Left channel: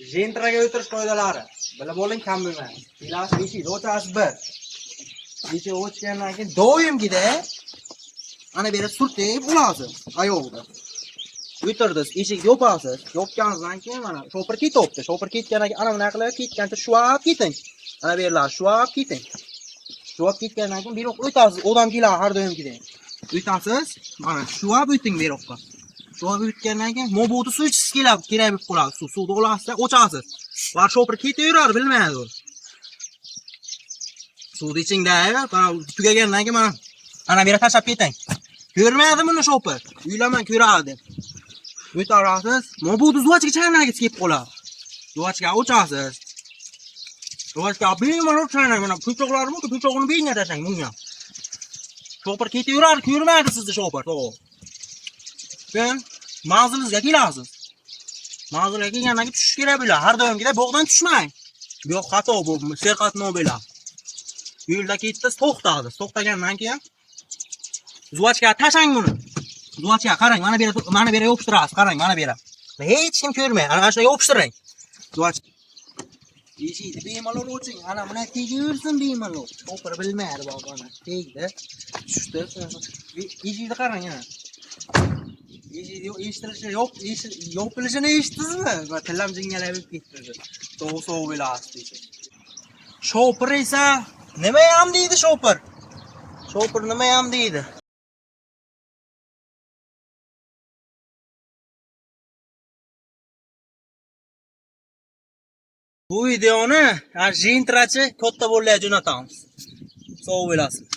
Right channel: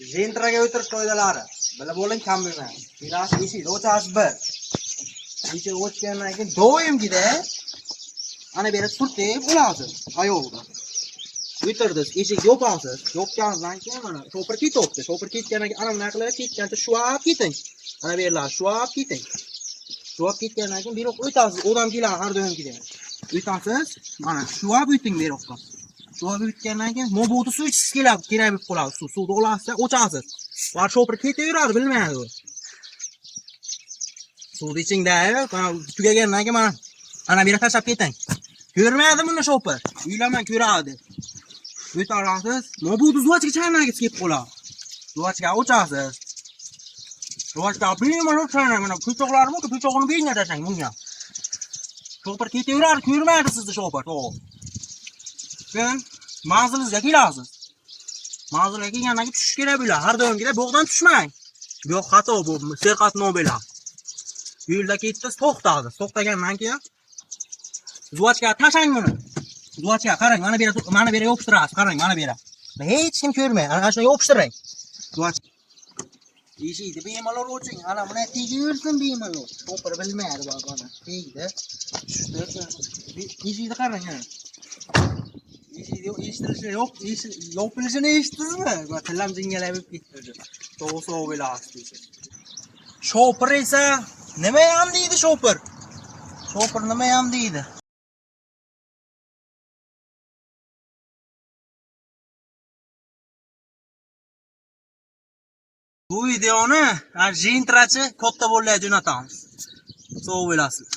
Jentraga o'tirish qoidalari. Bilib oling kammi-man. Gilas eshik ochasiz bir. Eshik ochgandan keyin doimgida ana bu yerga surtib olasiz. Ayolda. O'tirdiz, eshik yopasiz. Yopganingizdan keyin mana shopir ketibdi. Shopir ketgandan keyin ana bunaqa qilib ketgancha shuab keting. Ana bu yerlar shuab keting. Shuab ketgandan keyin bu yoqqa o'tasiz. Odam keladi har doimgidek. O'tasiz. Mana shuab o'ting bu yoqqa. Shuab o'tgandan keyin mo'budi suv ichsiz kerak bo'lib qoladi. Suvni olasiz, o'chasiz. Va shopir ketaveradi, bilmaydi u. Suvni ichingda, mana tugagandan keyin mana ana bu yerga tashlab keting. Ko'rmaydi buni shopir. Uylaman ko'radi. O'tarasiz. Mo'budi zuvachga chaynagiz kelib qoladi. Zuvachga o'chasiz. Zuvachga bemalol chaynang. Mana ko'choqlarmi, ko'chog'ini beyinga tashlang bunga. Shopir ketaveradi, ko'rmaydi sizni shopir. To'g'ri. Keyin manzilingizga kelasiz. Manzilga kelgandan keyin tushish kerak bo'ladi. Har doimgidek bog'dan tushmang. Bu yoq xato bu, serqat bo'ladi. Yo'lda ketdingiz, to'xtadingiz. To'xtagandan keyin zuvachga tashlang buni. Zuvachga qarang, mana bu yerga yopishtirasiz. Qarang, mana bu yerga. Hech kim ko'rmaydi. Ana shunga yopishtiring. Zuvach eshikni bemalol oching. Ana buni tegaversin bemalol. Shopir bilmaydi bog'ani. Tegdi. Tushdi. Eshikni qarang ana. Eshitilishi yo'q, yopilishini eshitdingizmi? Va tillam jingalab ketdi. To'g'ri bo'lasiz. Shopir esa nima ham deydi shopir? Shopir nima ham deydi? Bu videoni Jentrachi katta bo'lgan jo'natamiz. Sog' bo'lasiz.